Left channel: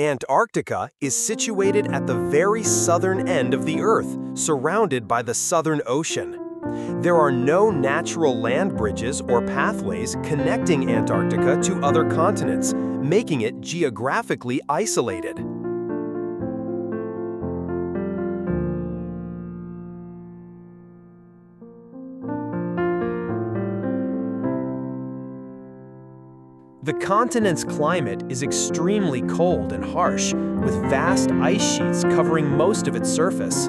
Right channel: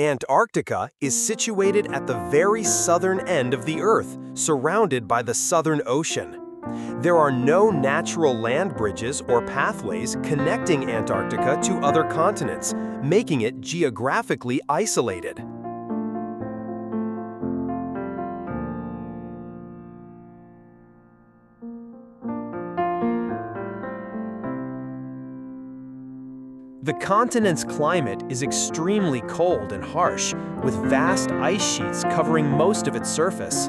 Antarctica is situated at the very southern end of the Earth, surrounded by the Southern Ocean. There are no natural land bridges or pathways connecting Antarctica to other continents, making it geographically isolated. The continent's climate is extremely cold and harsh, with vast ice sheets covering most of its surface.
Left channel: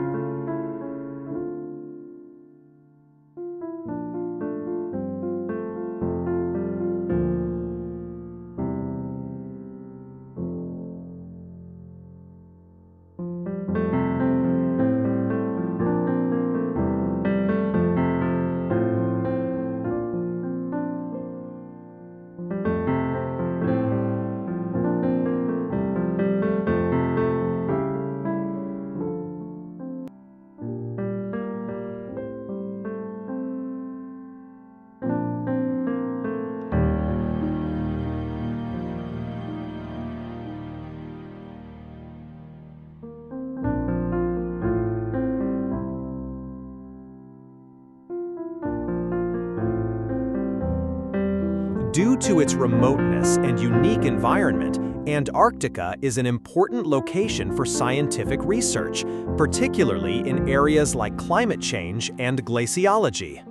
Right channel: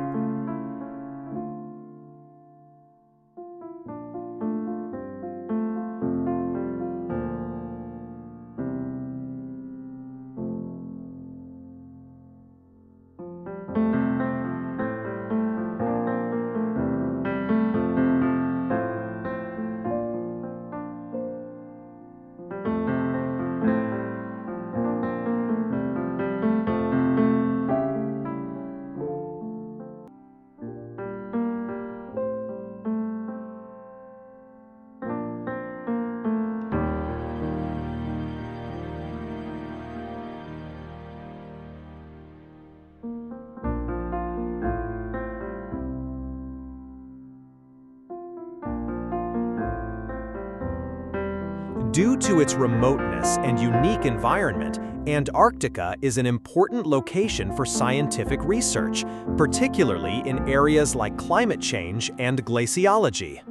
Due to its remoteness and unique environment, Antarctica is an important location for scientific research, particularly in areas like climate change and glaciology.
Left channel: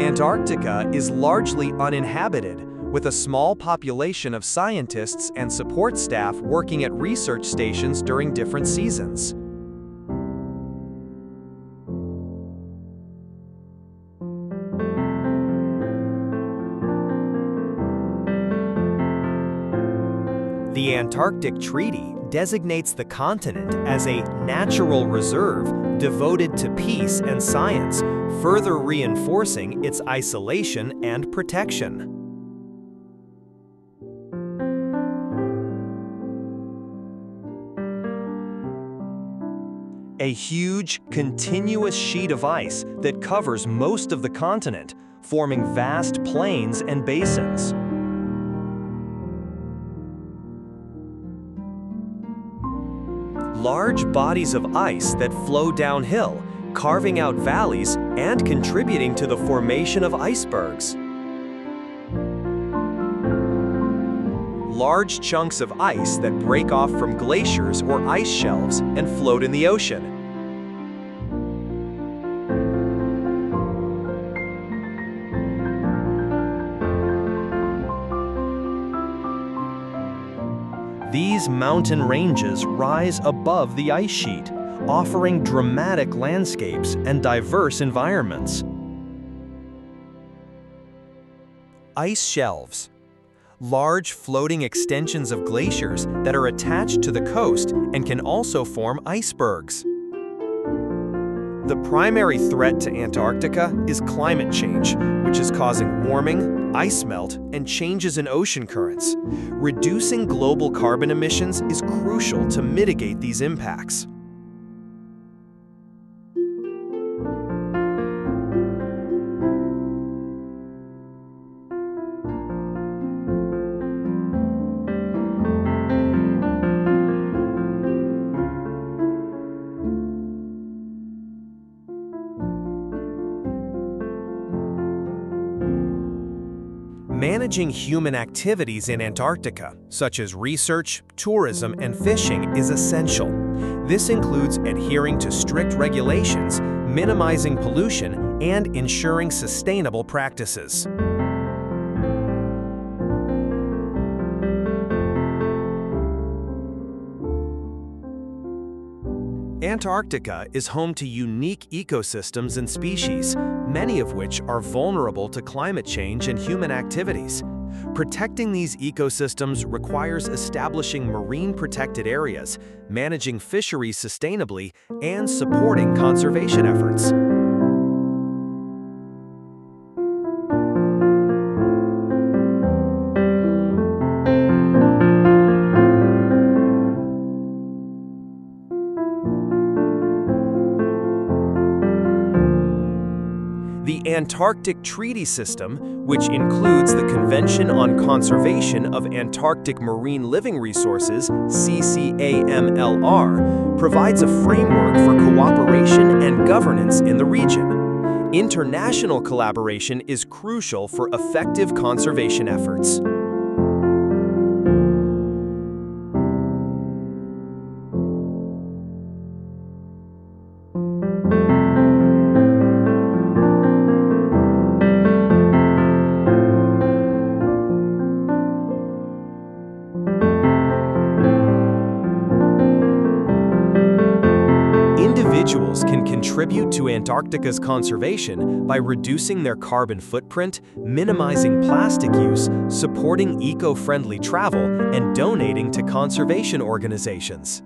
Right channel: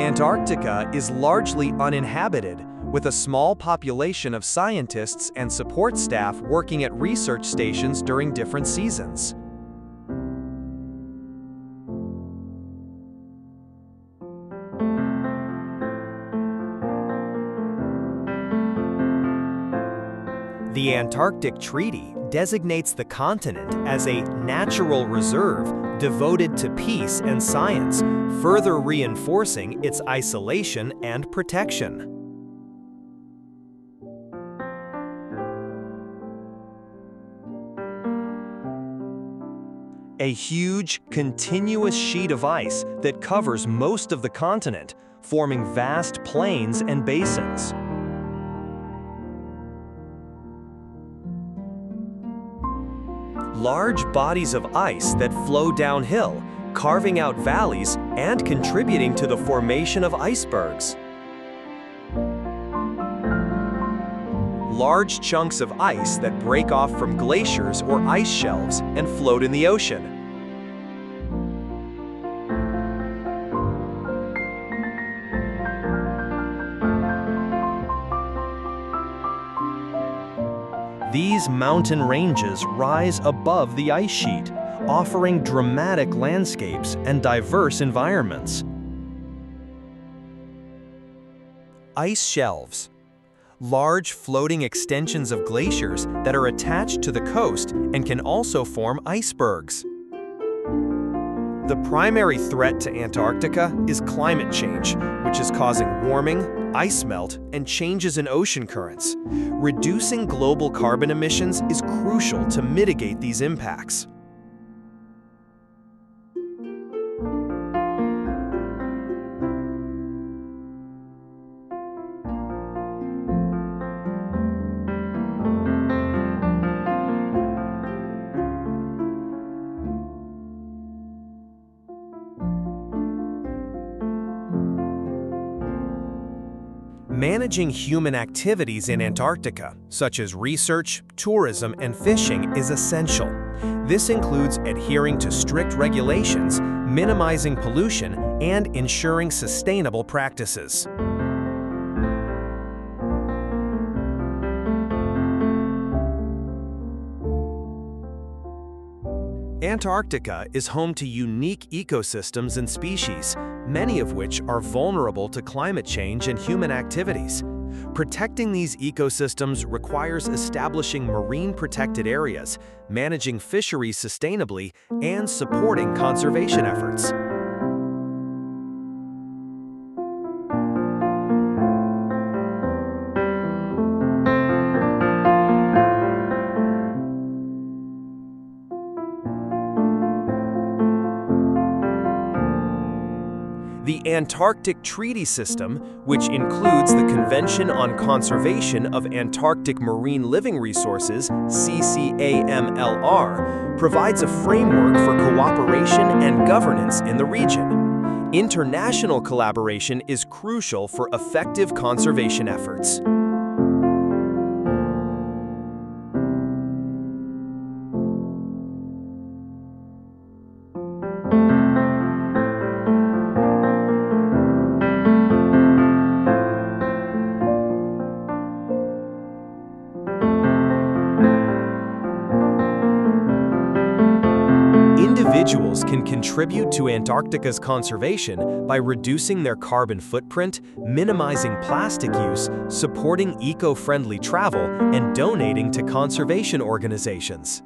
Antarctica is largely uninhabited, with a small population of scientists and support staff working at research stations during different seasons. The Antarctic Treaty designates the continent as a natural reserve devoted to peace and science, further reinforcing its isolation and protection. A huge, continuous sheet of ice that covers most of the continent, forming vast plains and basins. Large bodies of ice that flow downhill, carving out valleys and contributing to the formation of icebergs. Large chunks of ice that break off from glaciers or ice shelves and float in the ocean. These mountain ranges rise above the ice sheet, offering dramatic landscapes and diverse environments. Ice shelves. Large floating extensions of glaciers that are attached to the coast and can also form icebergs. The primary threat to Antarctica is climate change, which is causing warming, ice melt, and changes in ocean currents. Reducing global carbon emissions is crucial to mitigate these impacts. Managing human activities in Antarctica, such as research, tourism, and fishing, is essential. This includes adhering to strict regulations, minimizing pollution, and ensuring sustainable practices. Antarctica is home to unique ecosystems and species, many of which are vulnerable to climate change and human activities. Protecting these ecosystems requires establishing marine protected areas, managing fisheries sustainably, and supporting conservation efforts. The Antarctic Treaty System, which includes the Convention on Conservation of Antarctic Marine Living Resources, CCAMLR, provides a framework for cooperation and governance in the region. International collaboration is crucial for effective conservation efforts. Individuals can contribute to Antarctica's conservation by reducing their carbon footprint, minimizing plastic use, supporting eco-friendly travel, and donating to conservation organizations.